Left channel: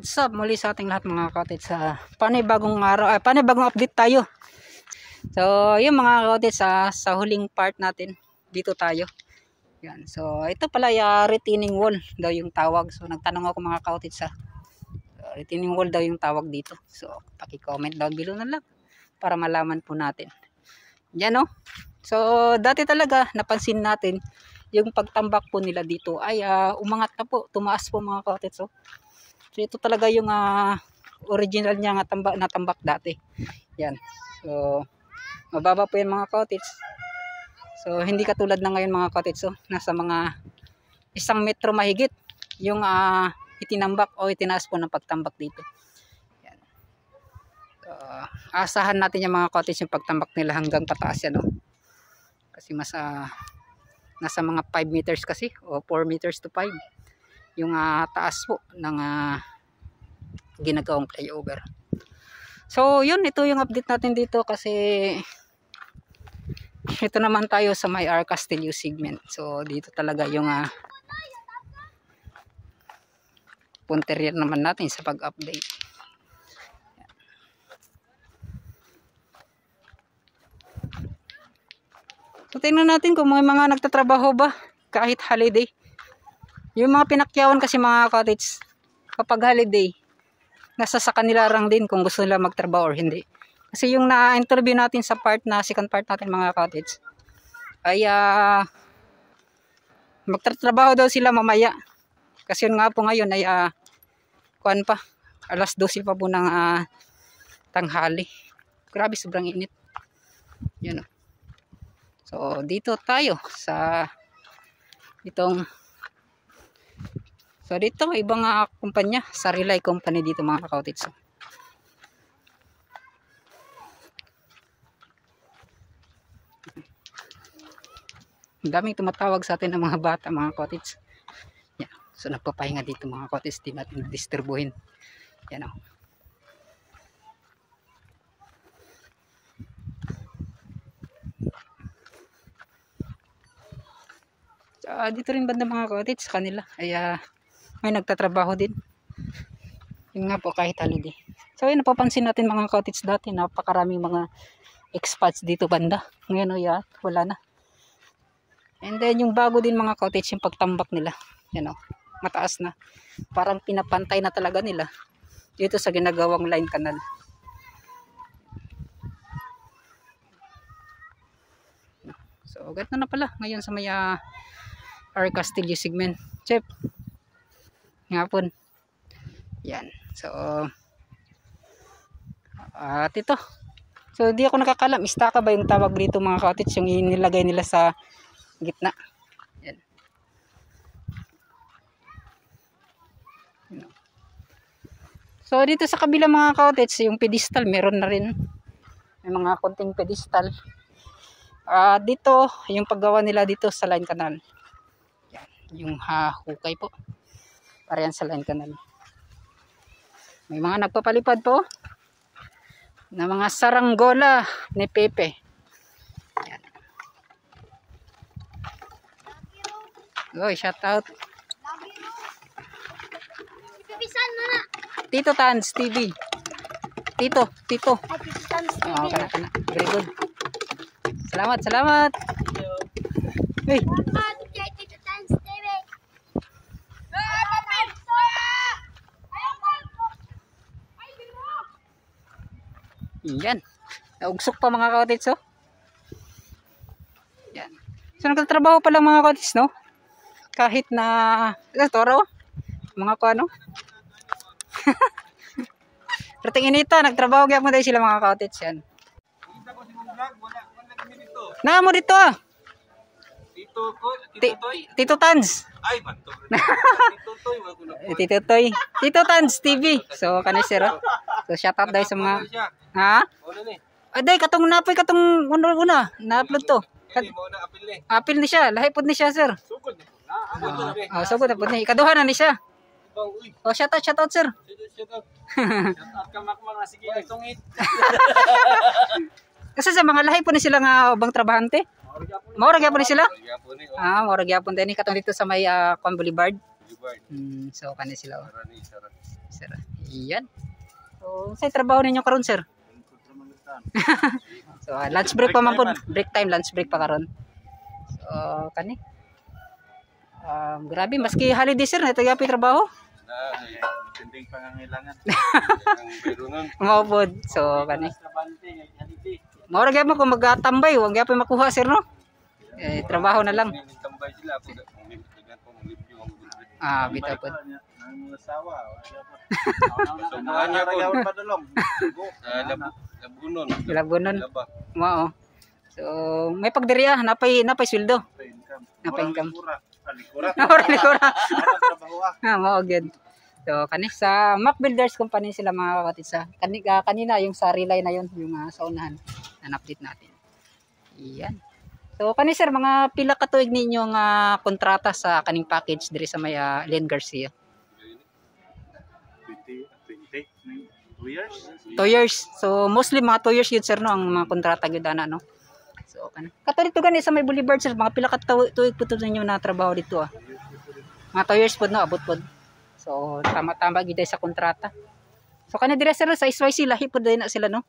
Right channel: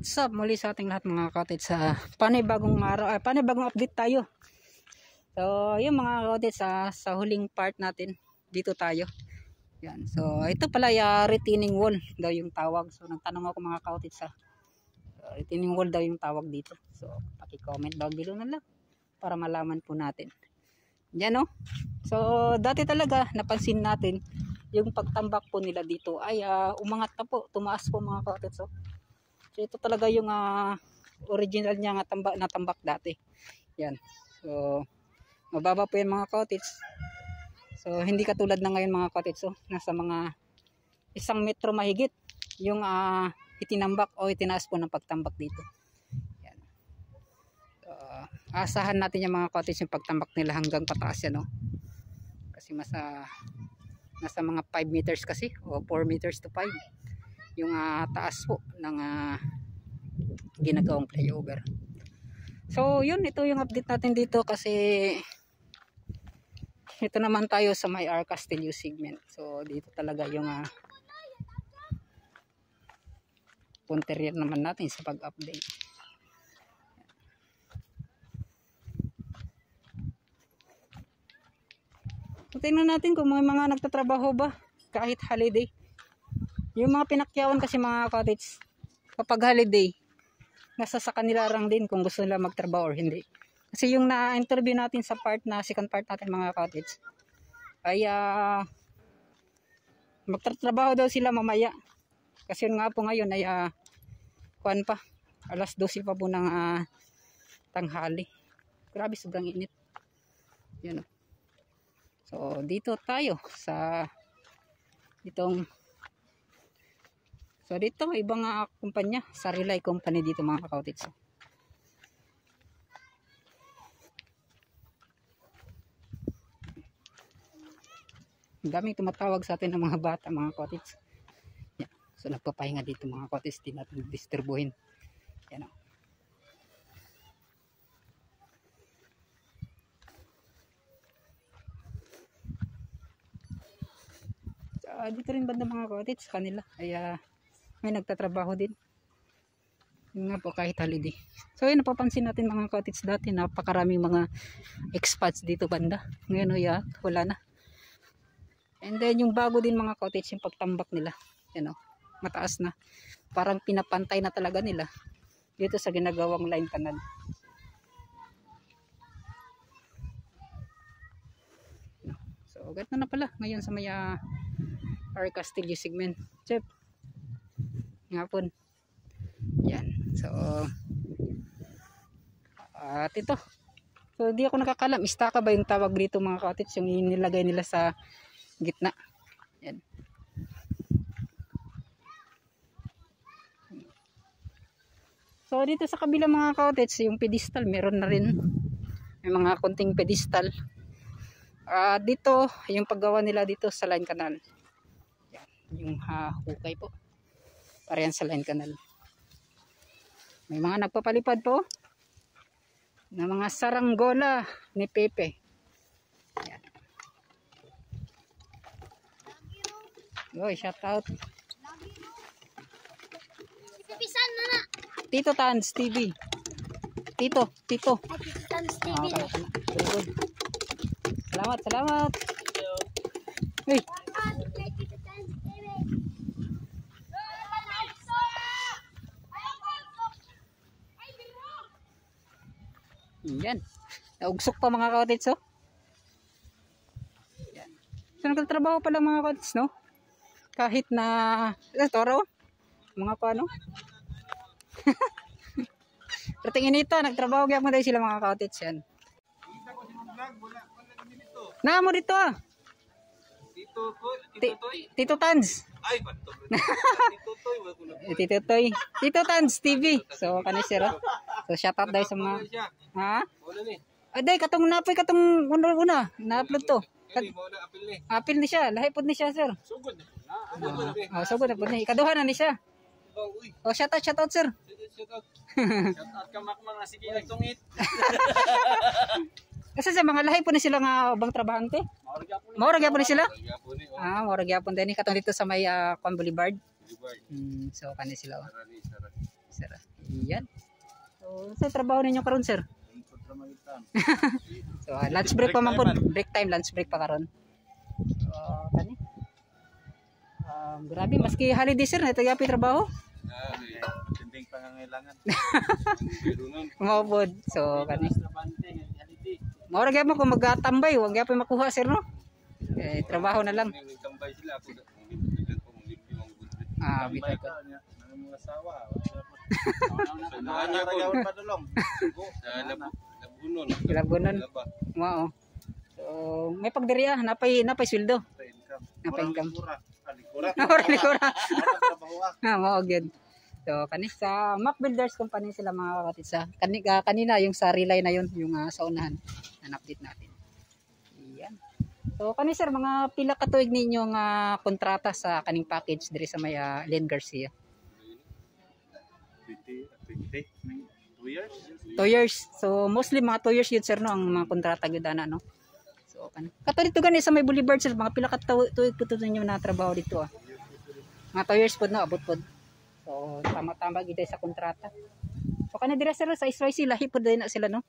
What's up muli sa ating lahat mga ka-cottage, sa panibagong araw, panibagong update tayo. So yung mga ka-cottage, sa huling part natin dito tayo. Yan. So ito pala retaining wall daw yung tawag. So nagtanong ako mga ka-cottage, retaining wall daw yung tawag dito. So paki-comment down below na lang para malaman po natin. Yan o. So dati talaga napansin natin yung pagtambak po nila dito ay umangat na po, tumaas po mga ka-cottage. So ito talaga yung original niya nga tambak dati. Yan. So mababa po yan mga ka-cottage. So hindi katulad na ngayon mga ka-cottage. So nasa mga 1 metro mahigit yung itinambak o itinaas po ng pagtambak dito. Yan. So, asahan natin yung mga ka-cottage yung pagtambak nila hanggang pataas yan. Kasi nasa mga 5 meters kasi o 4 meters to 5 yung taas po ng ginagawang flyover. So yun, ito yung update natin dito kasi ito naman tayo sa may R. Castillo segment. So dito talaga yung punterier naman natin sa pag-update. So tingnan natin kung may mga nagtatrabaho ba kahit holiday. Yung mga pinakyawan kasi mga cottage kapag holiday, nasa sa kanila lang din kung gusto nila magtrabaho or hindi. Kasi yung na-interview natin sa second part natin mga cottage ay magtatrabaho daw sila mamaya. Kasi yun nga po ngayon ay kuan pa, alas 12 pa po ng tanghali. Grabe, sobrang init. Yan o. So dito tayo sa dito ibang kumpanya, sa Relay Company dito mga ka-cottage. Ang daming tumatawag sa atin ng mga bata mga cottage. Yeah. So nagpapahinga dito mga cottage, di natin disturbuhin. Yan o. Dito rin banda mga cottage sa kanila ay may nagtatrabaho din. Yung nga po kahit holiday. So ayun, napapansin natin mga cottage dati napakaraming mga expats dito banda. Ngayon wala na. And then yung bago din mga cottage yung pagtambak nila. Yan o, mataas na. Parang pinapantay na talaga nila dito sa ginagawang line canal. So ganito na pala ngayon sa may R. Castillo segment. Chef ngapon. Yan. So ito. So di ako nakakalam, istaka ba yung tawag dito mga cottage, yung inilagay nila sa gitna. Yan. So dito sa kabila mga cottage, yung pedestal meron na rin. May mga konting pedestal. Dito yung paggawa nila dito sa line canal. Yan. Yung hukay po. Para yan sa line canal. May mga nagpapalipad po na mga saranggola ni Pepe. Yan. Oy, shout out. Tito Tans TV. Tito. Kana. Very good. Salamat. Hey. Yan. Naugsok pa mga cottage, oh. Yan. So nagtatrabaho pa lang mga cottage, no? Kahit na toro, mga kuano. Rating inita, nagtrabaho gyud mo dai sila mga cottage yan. Na mo dito ah. Tito Tans. Ay, bato. Tito Toy. Tito Tans TV. So kani sir. So shout out dai sa mga Aday katong napoy katong una na-upload to. Apil ni siya, lahi pud ni siya sir. Sugod. Sugod na pud ni. Ikaduha na ni siya. Oh, shout out sir. Shout out ka makmak na sige tungit. Kasi sa mga lahi po ni sila nga ubang trabahante. Maura gyapon ni sila? Maura gyapon din katong dito sa may Boulevard. So kani sila. Iyan. So, sa trabaho ninyo karon sir? So, lunch break pa man po. Break time, lunch break pa karon. So, kani. Grabe, maski holiday sir, natagapi trabaho. Tinding pangangailangan. Mao pod. So, kani. Mao ra gyud mo kung magatambay, wag gyapon makuha sir no. Trabaho na lang. Tambay sila ako Bitaw pod. Ang asawa. So, maanya ko padulong. Labunon. Mao. So, may pagdiriya, napay sweldo. Napay income. Likura. Mao gyud. So, kani sa Mac Builders Company sila mga kapatid sa kanina yung sa relay na yon, yung sa unahan na update natin. Iyan. So, kani sir, mga pila ka tuig ninyo nga kontrata sa kaning package diri sa may Len Garcia? 2 years. 2 years. So, mostly mga 2 years yun sir no, ang mga kontrata gyud ana no. So, kana. Kato gani sa may Boulevard sir, mga pila ka tuig po ninyo na trabaho dito Mga 2 years pod no, abot pod. So, tama-tama gid sa kontrata. So, kani dire sir sa SYC lahi pod na sila no.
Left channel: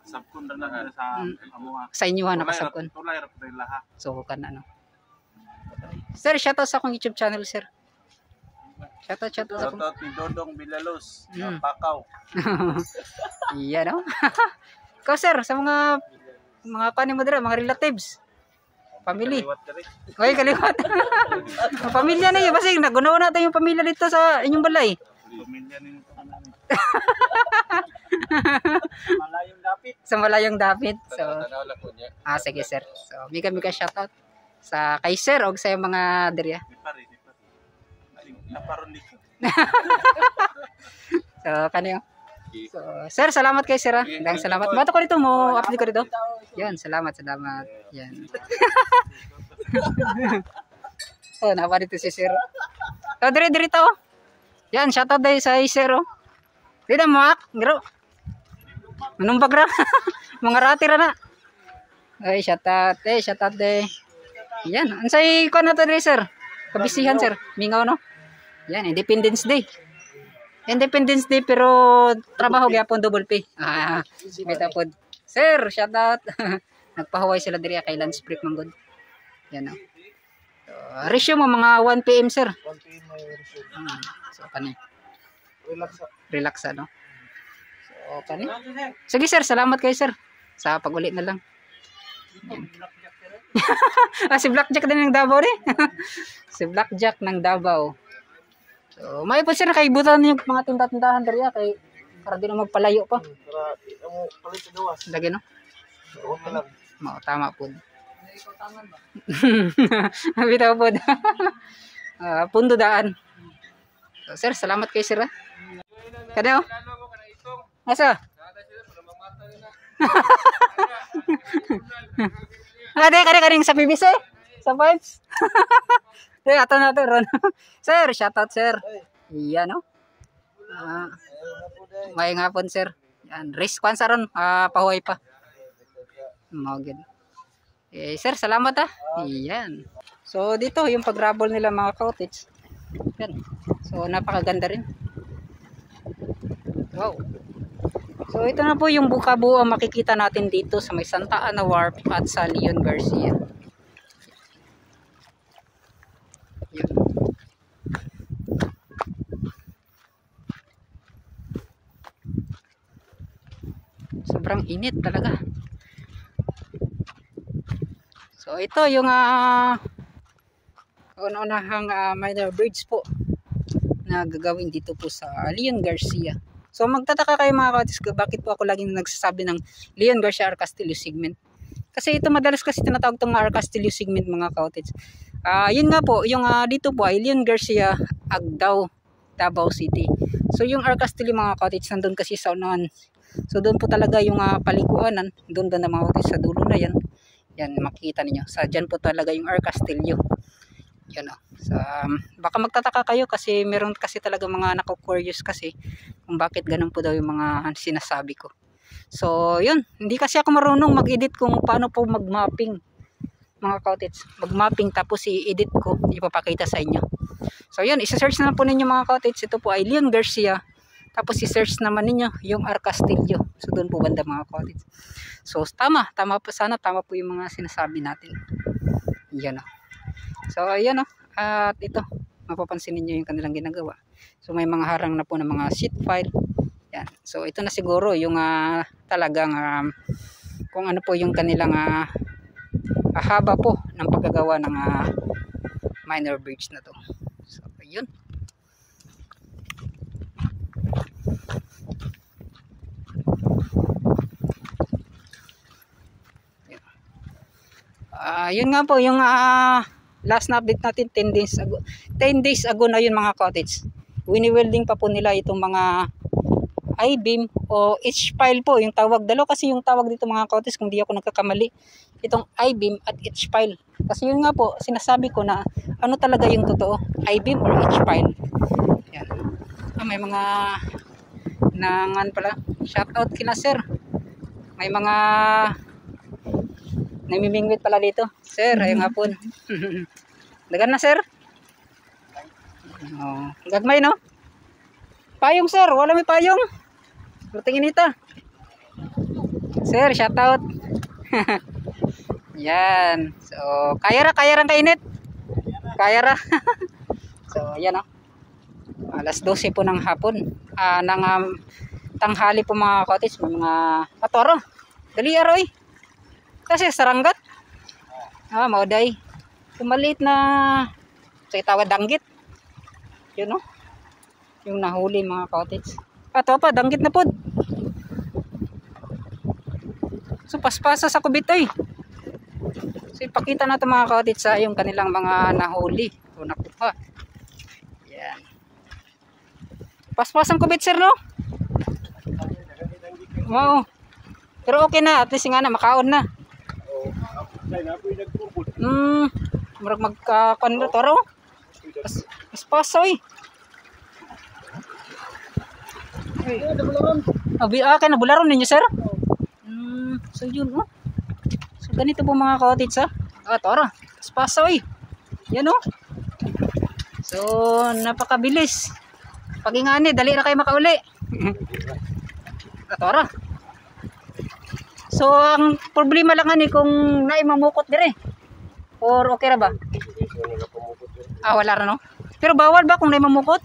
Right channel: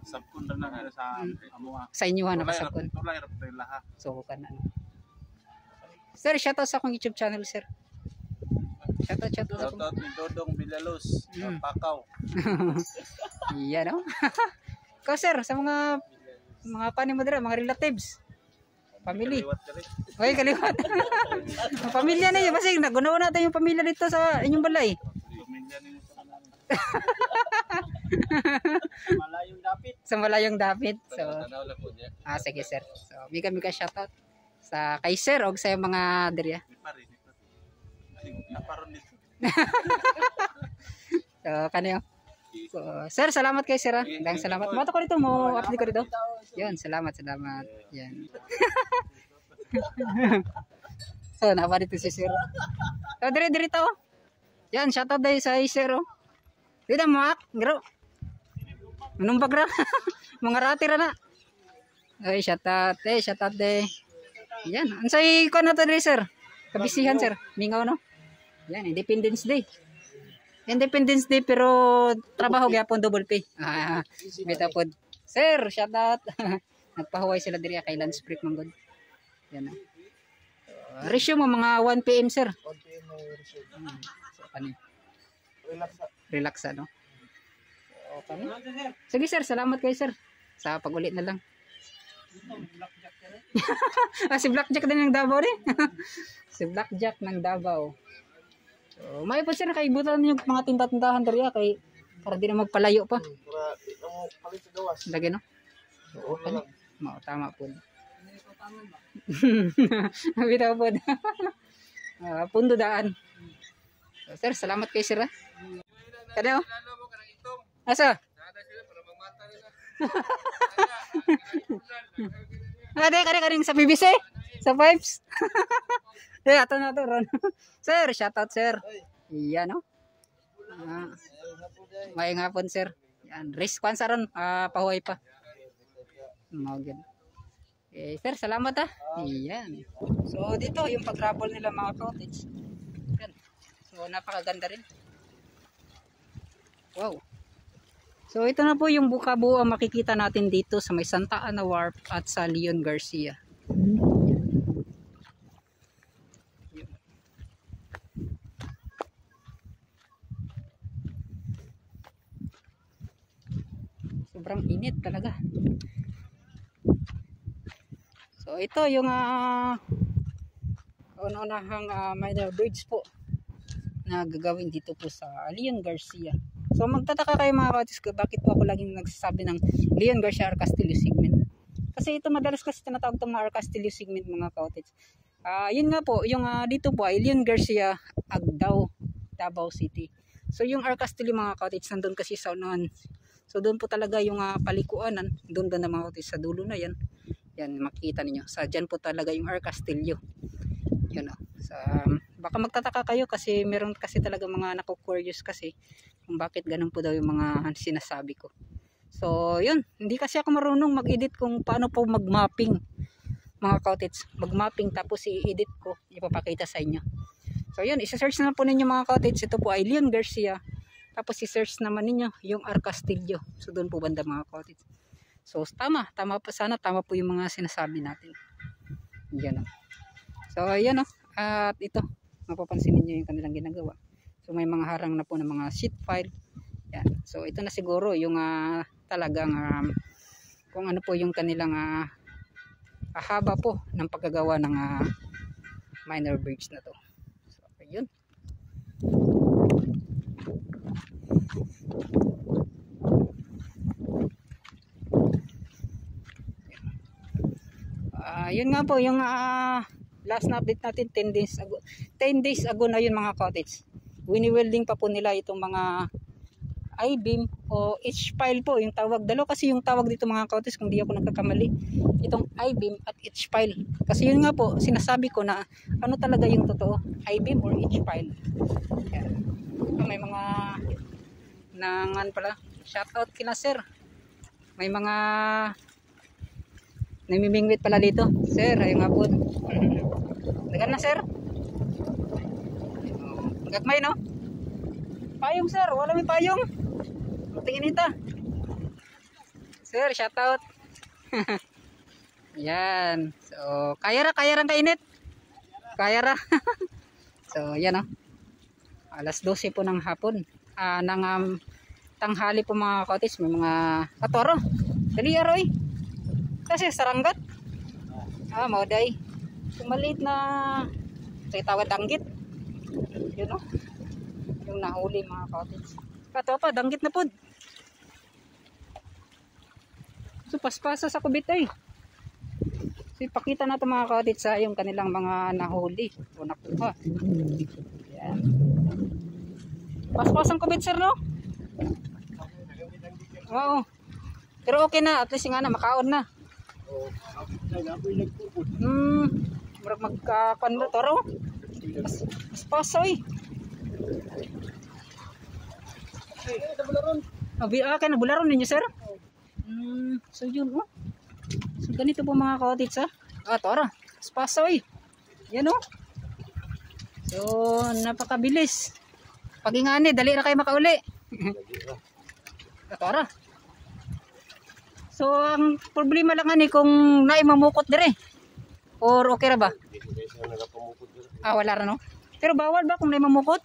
Sabkon na sa amuha. Sa inyo nakasabkon. Tulay ra laha. So, kana no. Sir, shoutout sa akong YouTube channel sir. Shoutout sa akong. Shoutout ni Dodong Bilalos, Pakaw. Iya no. Ikaw sir, sa mga kani mo dire, mga relatives. Family. Oy, kaliwat. Pamilya na yun. Kasi nagunaw natin yung pamilya dito sa inyong balay. Pamilya na yung Malayong dapit. Sa Malayong dapit. So, sige sir. So, mika shoutout sa kay sir o sa mga diriya. So, kanyo. So, sir, salamat kay sir. Dang salamat. Bato ko dito mo, update ko dito. Yan, salamat. Yan. So, nawa dito si sir. So, diri to. Yan, shoutout dahil sa sir. Dito mo, ngaro. Anong bagra? Mga ratira na. Ay, shoutout deh. Yan, ansay ko na to diri sir. Kabisihan sir. Mingaw no. Yan, Independence Day pero trabaho gyapon double pay. Beta pod. Sir, shout out. Nagpahuway sila diri kay lunch break man gud. Yan no. So, ratio mo mga 1 PM sir. 1 PM may ratio. So kani. Relax no. So kani. Sige sir, salamat kay sir. Sa pag-uli na lang. Si Blackjack din ng Davao ni. Si Blackjack ng Davao. So, may po sir kaibutan yung mga tinda-tindahan dariya kay para di na magpalayo pa. Para di mo palit sa gawas. Lagi no. Mao tama po. Bitaw po. Pundo daan. So, sir, salamat kay sir. Kano? Asa? Kani sa PBC? Sa Pipes? Ato na to ron. Sir, shout out sir. Iya no. May ngapon sir. Yan, risk kwan sa ron, pahuway pa. Magid. Sir, salamat Iyan. So dito yung pag-rubble nila mga cottage. Yan. So napakaganda rin. Wow. So ito na po yung buka-buo ang makikita natin dito sa may Santa Ana Wharf at sa Leon Garcia. Yan. Sobrang init talaga. So ito yung una-unahang minor bridge po na gagawin dito po sa Leon Garcia. So magtataka kayo mga kautis bakit po ako laging nagsasabi ng Leon Garcia R. Castillo segment. Kasi ito madalas kasi tinatawag itong R. Castillo segment mga kautis. Yun nga po, yung dito po ay Leon Garcia, Agdao, Davao City. So yung R. Castillo mga kautis nandun kasi sa unahan. So doon po talaga yung palikuanan, doon na mga kautis sa dulo na yan. Yan makikita niyo. Sa dyan po talaga yung R. Castillo. Yun o. So, baka magtataka kayo kasi meron kasi talaga mga nako-curious kasi kung bakit ganun po daw yung mga sinasabi ko. So yun, hindi kasi ako marunong mag-edit kung paano po mag-mapping mga cottage. Mag-mapping tapos i-edit ko, ipapakita sa inyo. So yun, isa-search na po ninyo mga cottage. Ito po ay Leon Garcia, Tapos i-search naman ninyo yung R. Castillo. So doon po banda mga cottage. So tama po, sana tama po yung mga sinasabi natin. Yan o. So ayan o. At ito, mapapansin niyo yung kanilang ginagawa. So may mga harang na po ng mga sheet file. Yan. So ito na siguro yung talagang kung ano po yung kanilang haba po ng paggagawa ng minor bridge na to. So ayun. Yun nga po yung last na update natin 10 days ago na yun mga cottage. Wini-welding pa po nila itong mga I-beam o H-pile po yung tawag. Dalawa kasi yung tawag dito mga cottage kung di ako nagkakamali. Itong I-beam at H-pile. Kasi yun nga po sinasabi ko na ano talaga yung totoo, I-beam or H-pile. Yan. May mga nangan pala. Shout out kina sir. May mga namimingwit pala dito. Sir, ayun nga po. Dagan na sir. Oh, gagmay no? Payong sir, wala may payong. Tingin ita. Sir, shout out. Yan. So, kaya ra kainit. Kaya ra. So, yan oh. Alas 12 po ng hapon. Ng tanghali po mga cottage, may mga katoro. Dali aroy. Kasi saranggat. Mauday. So, maliit na tawad danggit. Yun no? Yung nahuli mga cottage. Ito pa, danggit na po. So, paspasa sa kubit oy. So, ipakita na ito mga cottage sa yung kanilang mga nahuli. So, nakuha. Yan. Paspas ang kubit sir no? Wow. Pero okay na. At least nga na, makaon na. Marag magkakuan mo taro. Paspas oy. Kaya nabularon ninyo sir? So yun oh. So ganito po mga cottage tara. Paspas oy. Yan oh. So napakabilis. Pagingani, dali na kayo makauli. Tara. So ang problema lang ani kung naimamukot dire. Or okay ra ba? Wala ra no. Pero bawal ba kung naimamukot?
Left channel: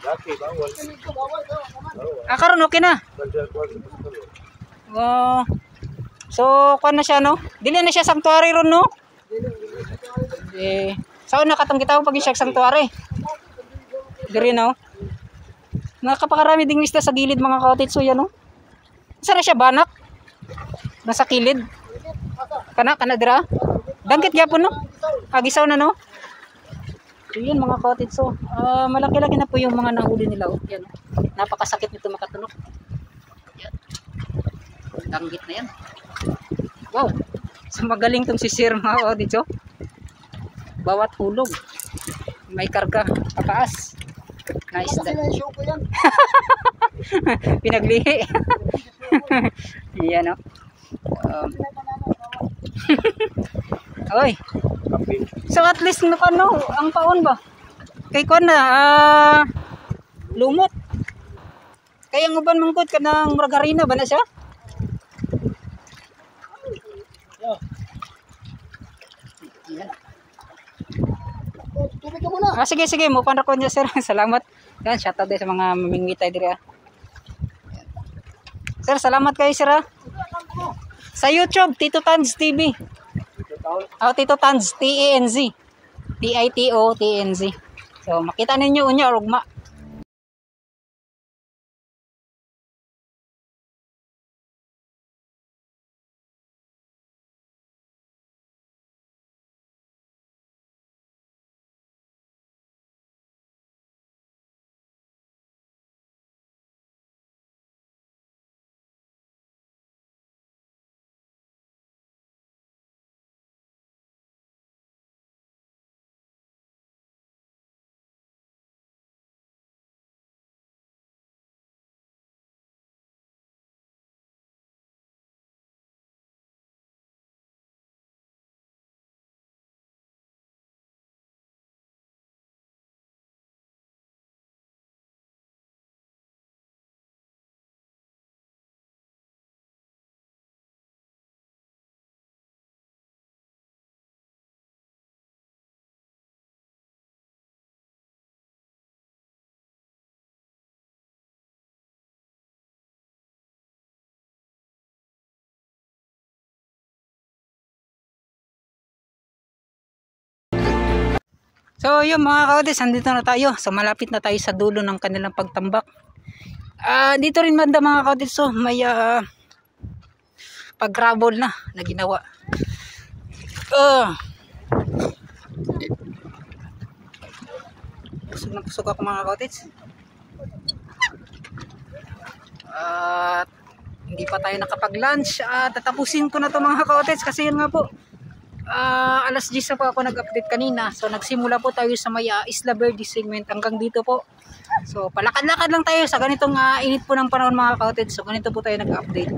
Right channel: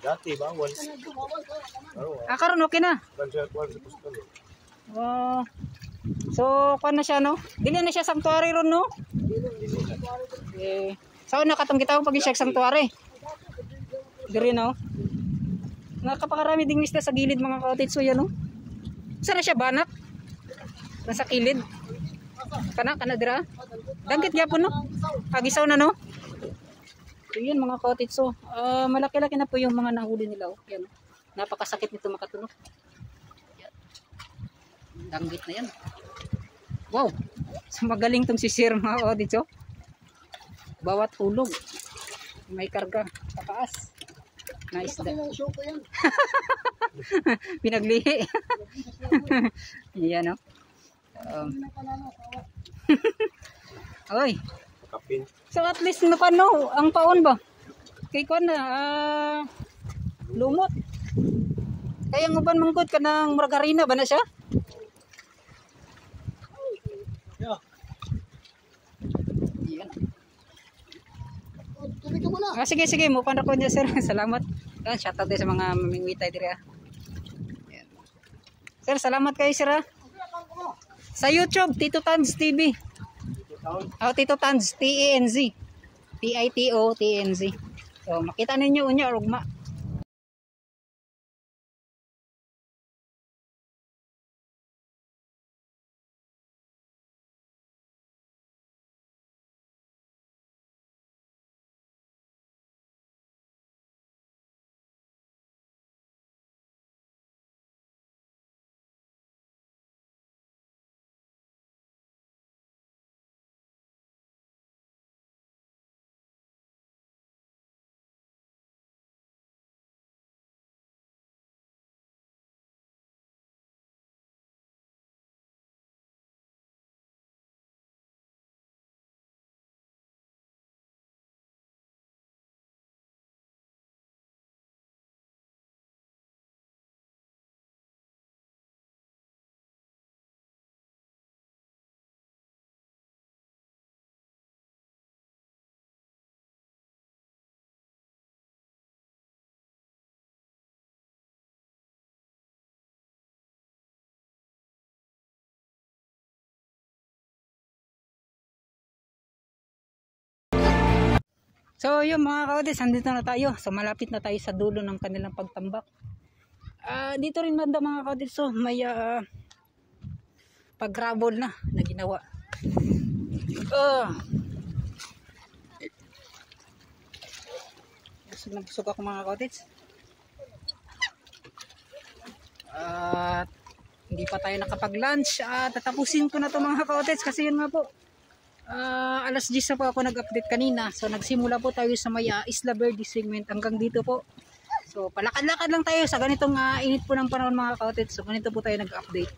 Dati bawal. Karon okay na. So kuan na siya no. Dili na siya sanctuary ron no. Saan na katong gitaw pag siya sanctuary? Dire no. Nakapakarami ding isda sa gilid mga cottage so yan no. Saan na siya banak? Nasa kilid. Kana dira. Danggit gyapon no. Gisaw na no. So yun mga cottage so malaki-laki na po yung mga nahuli nila yan, oh. Napakasakit nito makatunog yan. Danggit na yan. Wow, so magaling tong si sir mga cottage oh. Bawat hulog may karga pataas na isda. Pinaglihi. Yan oh. Oy. So at least no ang paon ba? Kay kon na lumot. Kaya ang uban mangkod kanang margarina ba na siya? Sige mo pan ko niya sir. Salamat. Yan shout out sa mga mamingwitay dire. Sir, salamat kayo sir ha. Sa YouTube, Tito Tanz TV. Tito Tanz, T-A-N-Z. T-I-T-O-T-N-Z. So, makita ninyo unya rugma. So yun mga kaotis, andito na tayo. So malapit na tayo sa dulo ng kanilang pagtambak. Dito rin banda mga kaotis, so may pag-gravel na ginawa. Pusog ako mga kaotis. At hindi pa tayo nakapag-lunch. Tatapusin ko na to mga kaotis kasi yun nga po. Alas 10 po ako nag-update kanina. So nagsimula po tayo sa may Isla Verde segment hanggang dito po. So palakad-lakad lang tayo sa ganitong init po ng panahon mga kaotis. So ganito po tayo nag-update.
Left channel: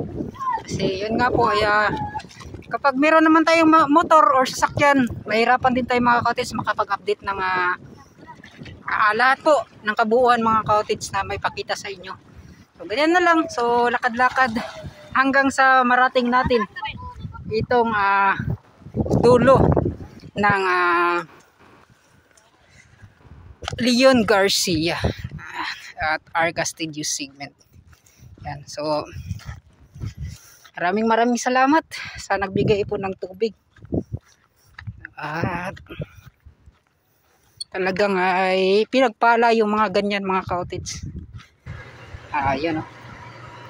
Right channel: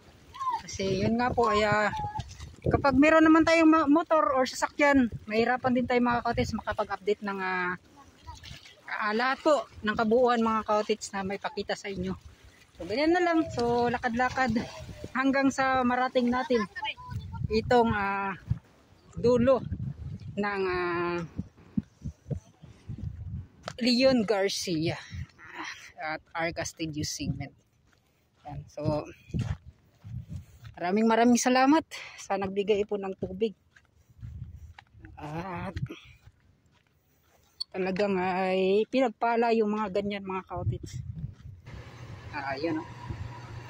Kasi yun nga po ay kapag meron naman tayong motor or sasakyan, mahirapan din tayo mga kaotis makapag-update ng lahat po ng kabuuan mga kaotis na may pakita sa inyo. So ganyan na lang. So lakad-lakad hanggang sa marating natin itong dulo ng Leon Garcia at R. Castillo segment. Yan. So maraming salamat sa nagbigay po ng tubig. At talagang ay pinagpala yung mga ganyan mga kaotis. Yan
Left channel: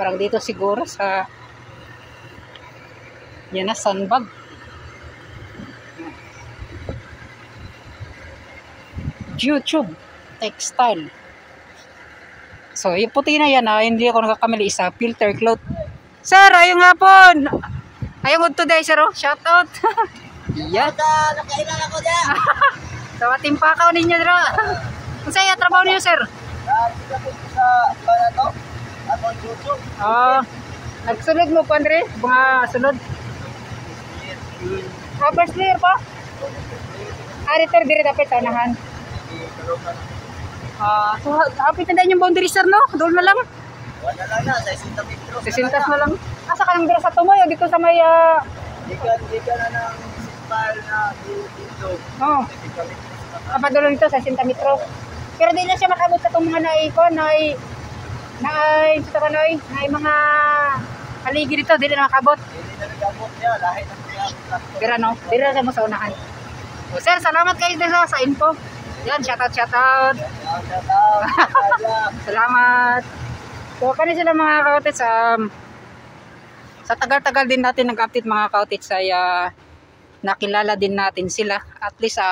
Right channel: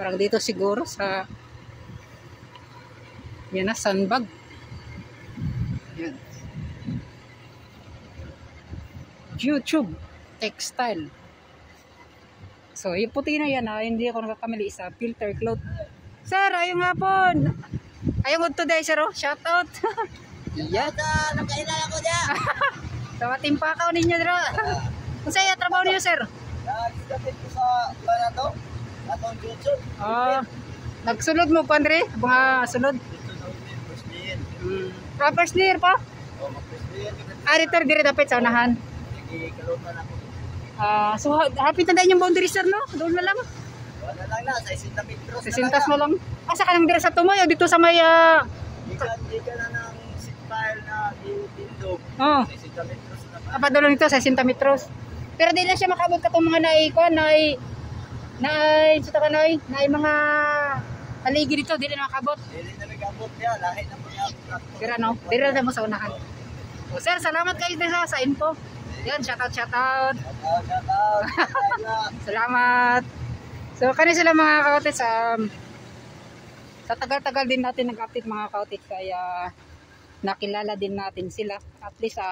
parang dito siguro sa yan na sandbag. Yan. YouTube textile. So yung puti na yan hindi ako nakakamali sa filter cloth. Sir, ayun nga po. Ayun today sir, shout out. Iya. Nakailan ako dyan. Sa timpakaw ninyo dira. Kung sa'yo trabaho niyo sir? Sa to? Atong YouTube. Nagsunod mo pa Andre? Mga sunod. First layer pa? Return dire dapat sa unahan. So hapit na din yung boundary sir no? Doon na lang. Wala lang na, 60 metros. 60 na lang. Asa ka lang dire sa Tumoy o dito sa may Di ka na ng sispal na dito. Oo. Kapadalo nito sa 60 metros. Pero di na siya makabot sa itong mga mga haligi dito, di na makabot. Hindi na nagabot niya, lahit ng Pero no, di na mo sa unahan. So, sir, salamat kayo sa info. Yan, shoutout. Salamat. So, kanina sila mga kaotis, sa tagal-tagal din natin nag-update mga kaotis ay nakilala din natin sila. At least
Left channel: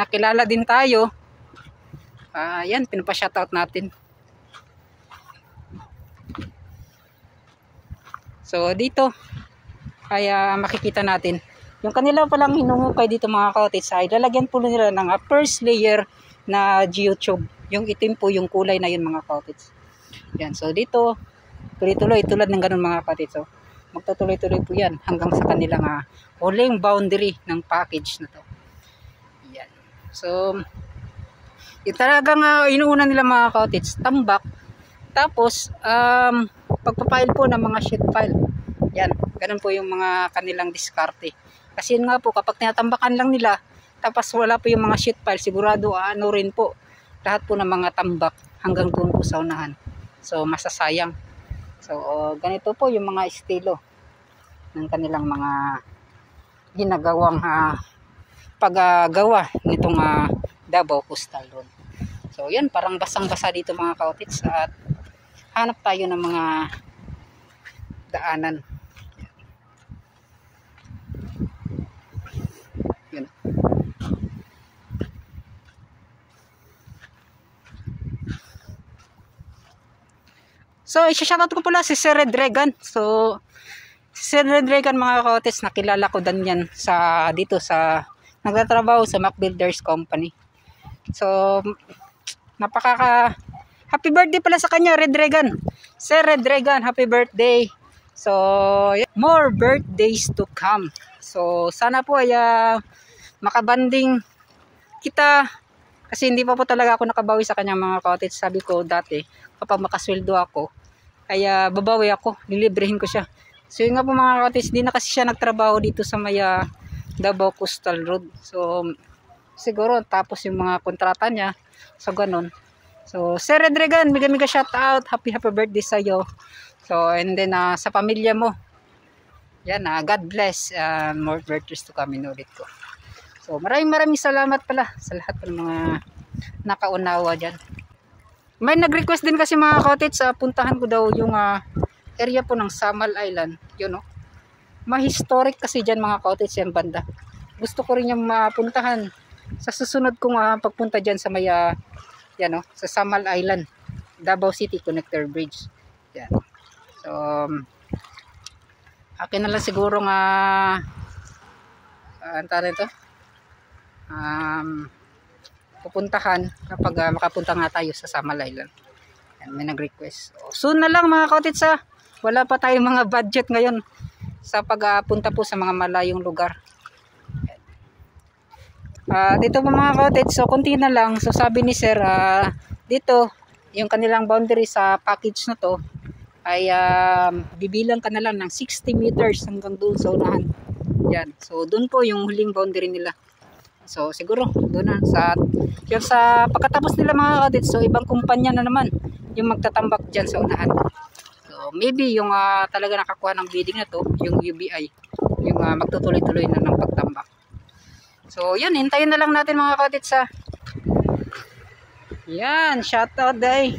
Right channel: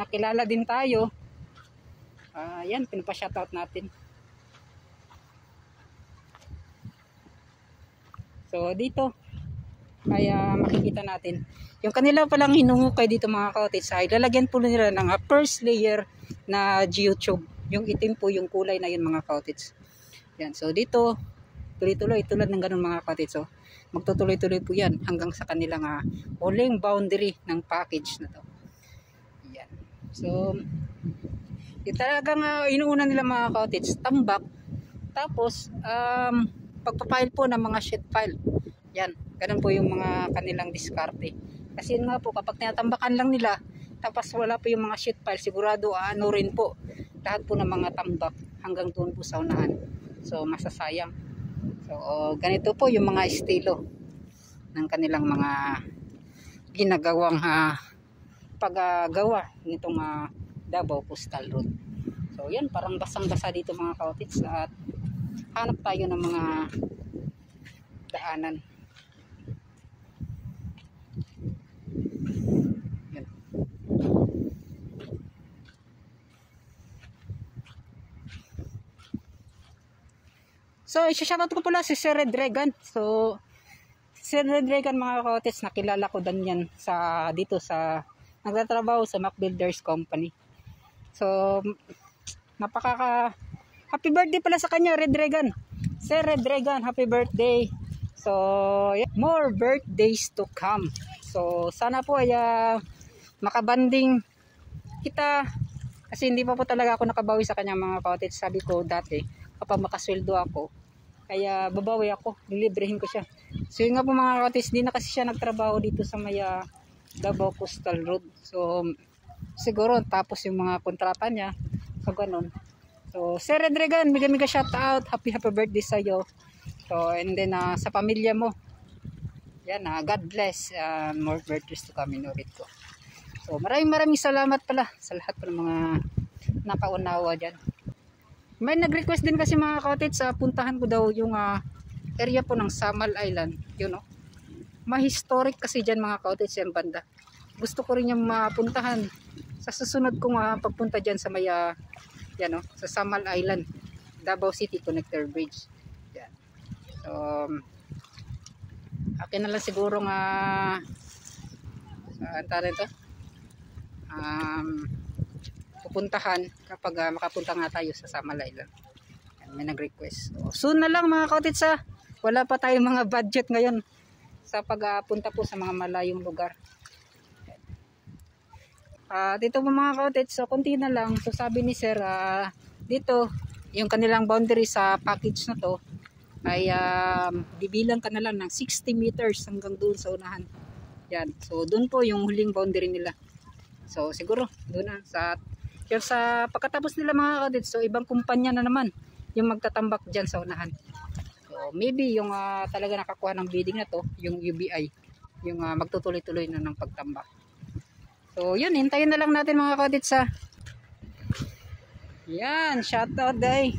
nakilala din tayo. Yan, pinapa-shoutout natin. So, dito ay makikita natin yung kanila palang hinungukay dito mga kaotis ay lalagyan po nila ng first layer na geotube. Yung itim po yung kulay na yun mga kaotis. Yan, so dito tuloy-tuloy tulad ng ganun mga kaotis. So magtutuloy-tuloy po yan hanggang sa kanilang huling boundary ng package na to. Yan. So yung talagang inuuna nila mga kaotis, tambak. Tapos pagpapile po ng mga sheet pile. Yan, ganun po yung mga kanilang diskarte. Kasi yun nga po, kapag tinatambakan lang nila, tapos wala po yung mga sheet pile, sigurado rin po lahat po ng mga tambak hanggang doon po sa unahan. So masasayang. So ganito po yung mga estilo ng kanilang mga ginagawang paggawa nitong Davao Coastal Road. So yan, parang basang-basa dito mga kaotis at hanap tayo ng mga daanan. Yan. So i-shoutout ko pala si Sir Red Regan. So si Sir Red Regan mga kaotis, nakilala ko din yan dito sa nagtatrabaho sa Mac Builders Company. So happy birthday pala sa kanya, Red Regan. Sir Red Regan, happy birthday. So more birthdays to come. So sana po ay makabanding kita kasi hindi pa po talaga ako nakabawi sa kanya mga kaotis. Sabi ko dati kapag makasweldo ako ay babawi ako, lilibrehin ko siya. So yun nga po mga kaotis, di na kasi siya nagtrabaho dito sa may Davao Coastal Road. So siguro tapos yung mga kontrata niya. So ganun. So Sir Red Regan, mega shout out, happy birthday sa iyo. So and then sa pamilya mo. Yan, God bless, more birthdays to come, inulit ko. So maraming salamat pala sa lahat ng mga napaunawa dyan. May nag-request din kasi mga cottage sa puntahan ko daw yung area po ng Samal Island. Yun o. Ma-historic kasi dyan mga cottage yan banda. Gusto ko rin yung mapuntahan sa susunod kong pagpunta dyan sa may yan o, sa Samal Island, Davao City Connector Bridge. Yan. So akin na lang siguro nga antarin ito pupuntahan kapag makapunta nga tayo sa Samal Island. Yan, may nag-request. So, soon na lang mga cottage wala pa tayong mga budget ngayon sa pagpunta po sa mga malayong lugar. Dito po mga cottage, so konti na lang. So sabi ni sir, dito yung kanilang boundary sa package na to ay bibilang ka na lang ng 60 meters hanggang doon sa unahan. Yan. So doon po yung huling boundary nila. So siguro doon na sa pagkatapos nila mga cottage, so ibang kumpanya na naman yung magtatambak diyan sa unahan. So maybe yung talaga nakakuha ng bidding na to, yung UBI, yung magtutuloy-tuloy na ng pagtambak. So yun, hintayin na lang natin mga cottage Yan, shoutout day.